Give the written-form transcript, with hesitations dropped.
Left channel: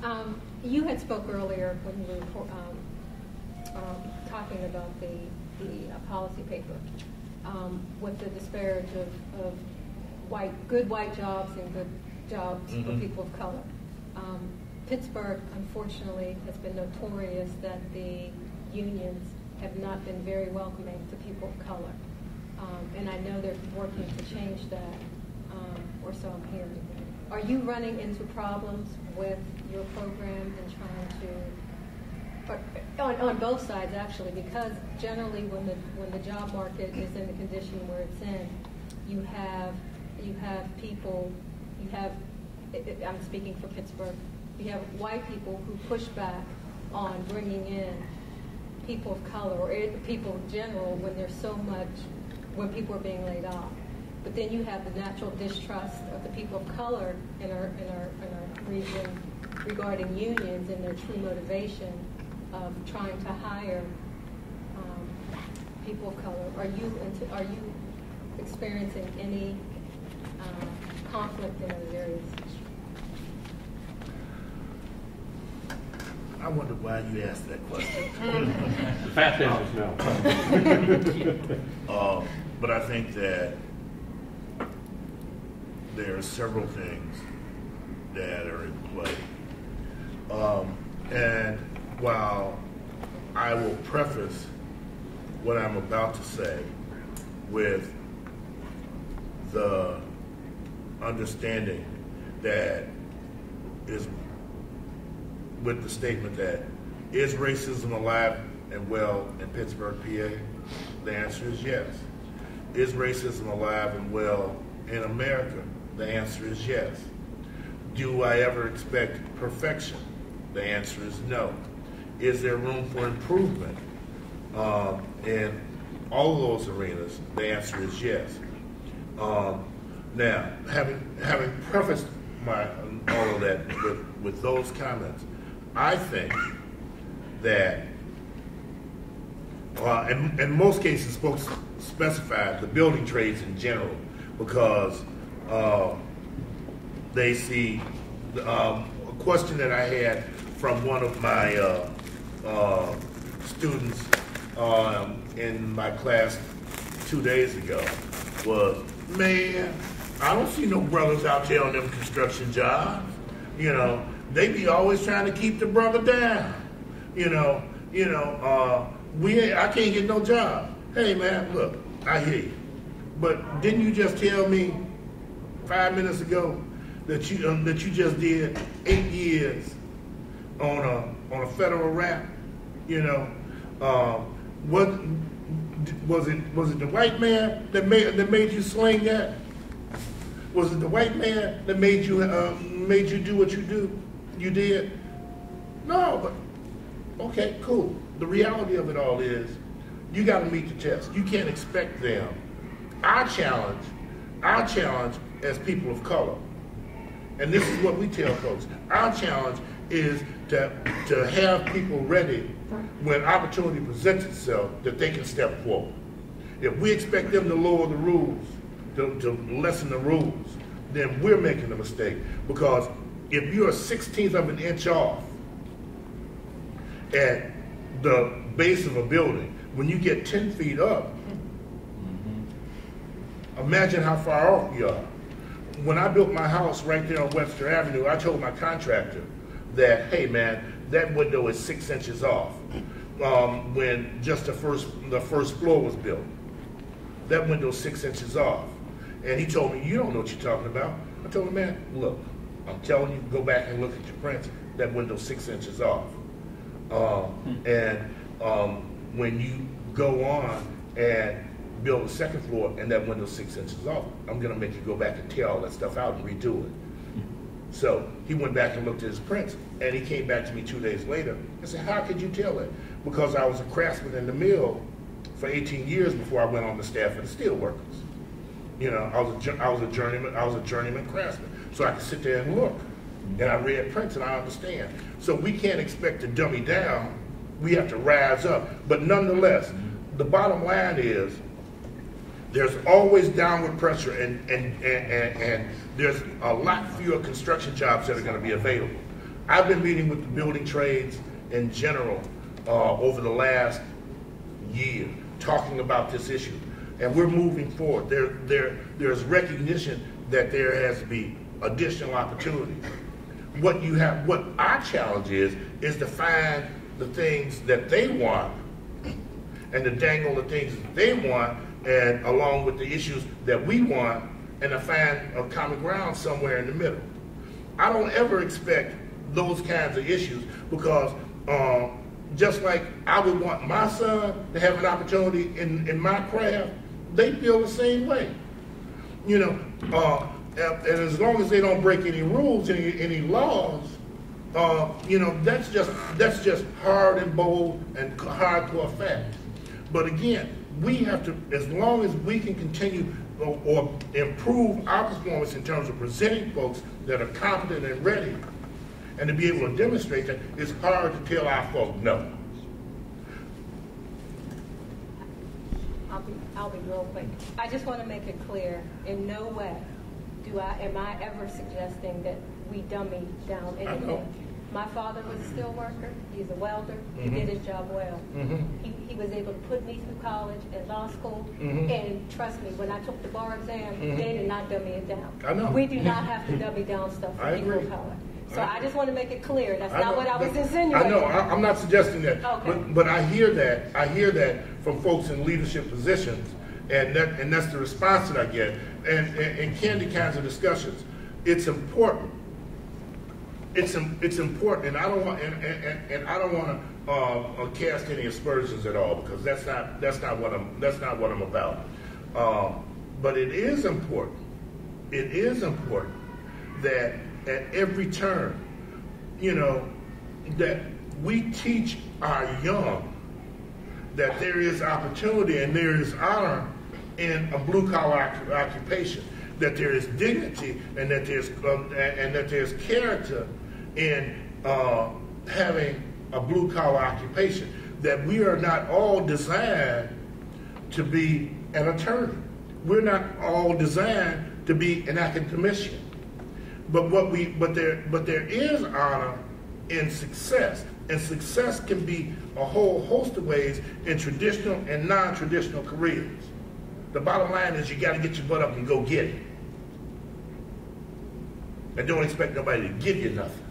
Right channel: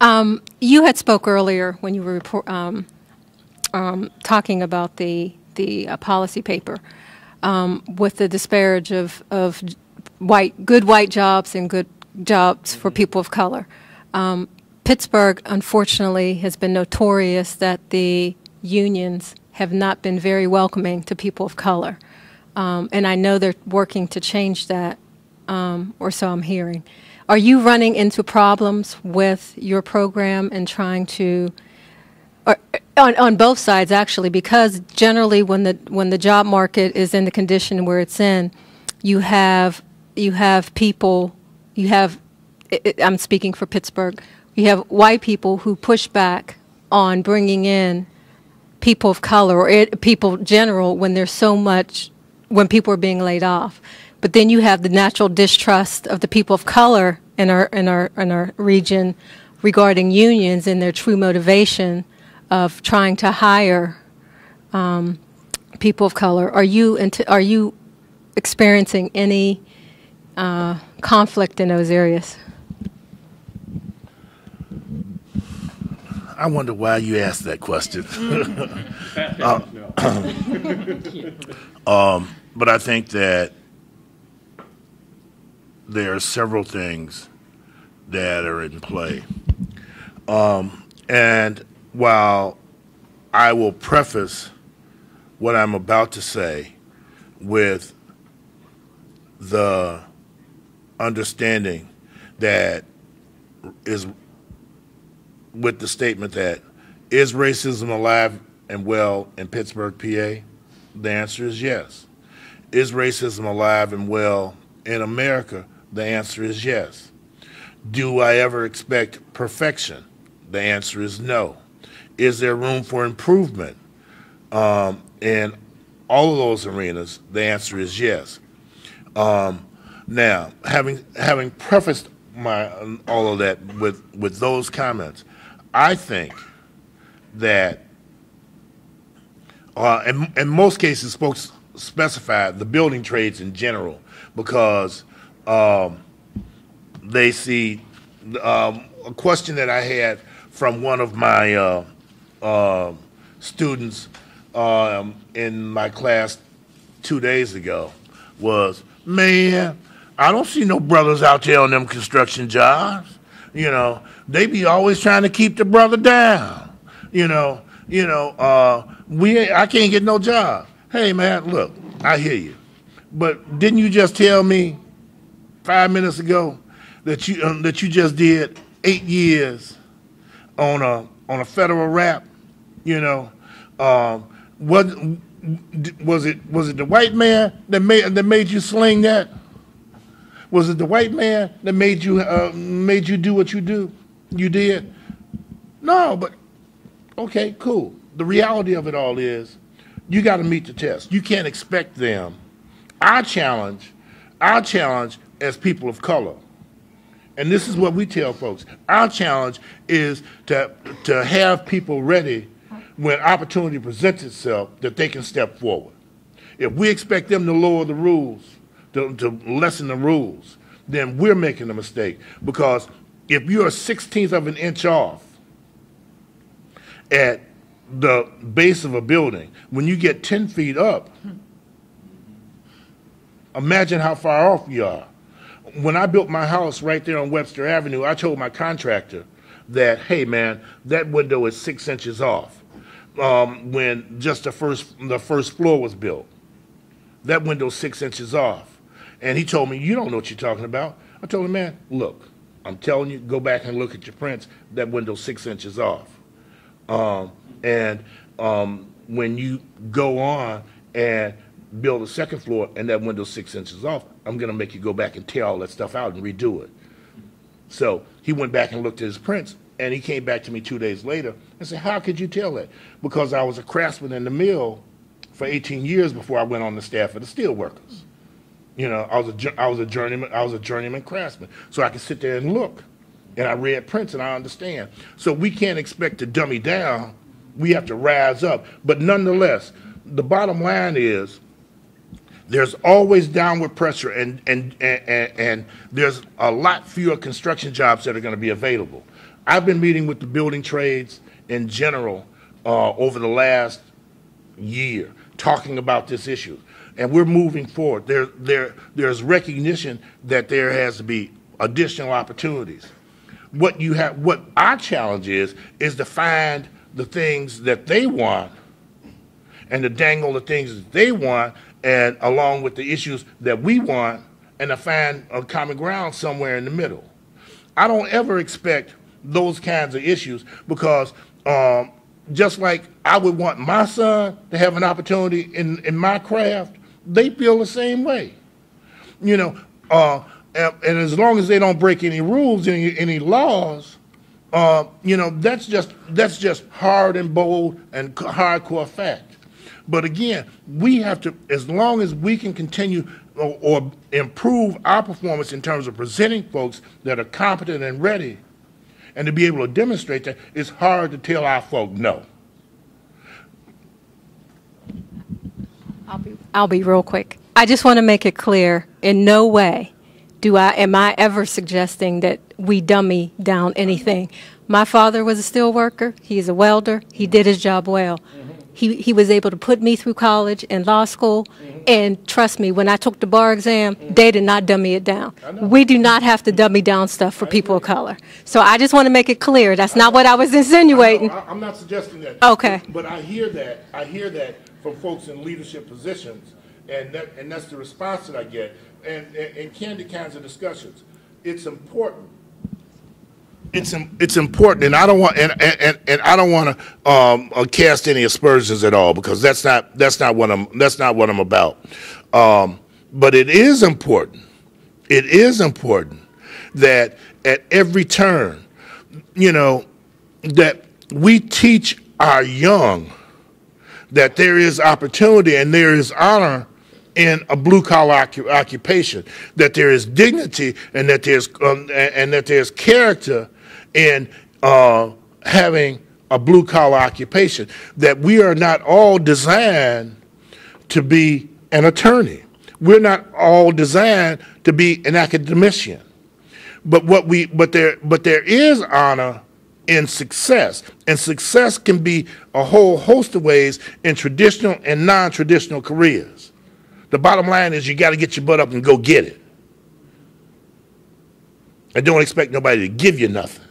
You had spoke earlier when you were talking about the policy paper with the disparage of good white jobs and good jobs for people of color. Pittsburgh, unfortunately, has been notorious that the unions have not been very welcoming to people of color. And I know they're working to change that, or so I'm hearing. Are you running into problems with your program and trying to, on both sides actually, because generally when the job market is in the condition where it's in, you have people, I'm speaking for Pittsburgh, you have white people who push back on bringing in people of color or people general when there's so much, when people are being laid off. But then you have the natural distrust of the people of color in our region regarding unions and their true motivation of trying to hire people of color. Are you experiencing any conflict in those areas? I wonder why you asked that question. But I think that there are several things that are in play. And while I will preface what I'm about to say with the understanding that is with the statement that, is racism alive and well in Pittsburgh, PA? The answer is yes. Is racism alive and well in America? The answer is yes. Do I ever expect perfection? The answer is no. Is there room for improvement in all of those arenas? The answer is yes. Now, having prefaced all of that with those comments, I think that, in most cases, folks specify the building trades in general because they see a question that I had from one of my students in my class 2 days ago was, man, I don't see no brothers out there on them construction jobs. You know, they be always trying to keep the brother down. I can't get no job. Hey man, look, I hear you, but didn't you just tell me 5 minutes ago that you just did 8 years on a federal rap? What was it the white man that made you sling that? Was it the white man that made you do what you did? No, but okay, cool. The reality of it all is you got to meet the test. You can't expect them. Our challenge as people of color, and this is what we tell folks, our challenge is to have people ready when opportunity presents itself that they can step forward. If we expect them to lower the rules, to lessen the rules, then we're making a mistake. Because if you're a 1/16 of an inch off at the base of a building, when you get 10 feet up, imagine how far off you are. When I built my house right there on Webster Avenue, I told my contractor that, hey man, that window is 6 inches off. When just the first floor was built, that window's 6 inches off. And he told me, you don't know what you're talking about. I told him, man, look, I'm telling you, go back and look at your prints, that window's 6 inches off. When you go on and build a second floor and that window's 6 inches off, I'm gonna make you go back and tear all that stuff out and redo it. So he went back and looked at his prints, and he came back to me 2 days later and said, how could you tell that? Because I was a craftsman in the mill for 18 years before I went on the staff of the steelworkers. I was a journeyman craftsman. So I could sit there and look, and I read prints and I understand. So we can't expect to dummy down. We have to rise up. But nonetheless, the bottom line is there's always downward pressure, and there's a lot fewer construction jobs that are going to be available. I've been meeting with the building trades in general over the last year, talking about this issue, and we're moving forward. There's recognition that there has to be additional opportunities. What our challenge is to find the things that they want and to dangle the things that they want, and along with the issues that we want, and to find a common ground somewhere in the middle. I don't ever expect those kinds of issues, because just like I would want my son to have an opportunity in my craft, they feel the same way. You know, and as long as they don't break any rules, any laws, you know, that's just hard and bold and hardcore fact. But again, we have to, as long as we can continue or improve our performance in terms of presenting folks that are competent and ready, and to be able to demonstrate that, it's hard to tell our folk no. I'll be real quick. I just want to make it clear, in no way am I ever suggesting that we dummy down anything. My father was a steel worker. He's a welder. He did his job well. He was able to put me through college and law school, and trust me, when I took the bar exam, they did not dummy it down. We do not have to dummy down stuff for people of color. So I just want to make it clear, that's not what I was insinuating. I'm not suggesting that. Okay. But I hear that from folks in leadership positions, and that's the response that I get. And in candid kinds of discussions, it's important. It's important, and I don't want I don't want to cast any aspersions at all, because that's not what I'm about. But it is important. It is important that at every turn, you know, that we teach our young that there is opportunity and there is honor in a blue-collar occupation, that there is dignity, and that there's character in having a blue-collar occupation, that we are not all designed to be an attorney. We're not all designed to be an academician. But there is honor in success, and success can be a whole host of ways in traditional and non-traditional careers. The bottom line is, you got to get your butt up and go get it, and don't expect nobody to give you nothing.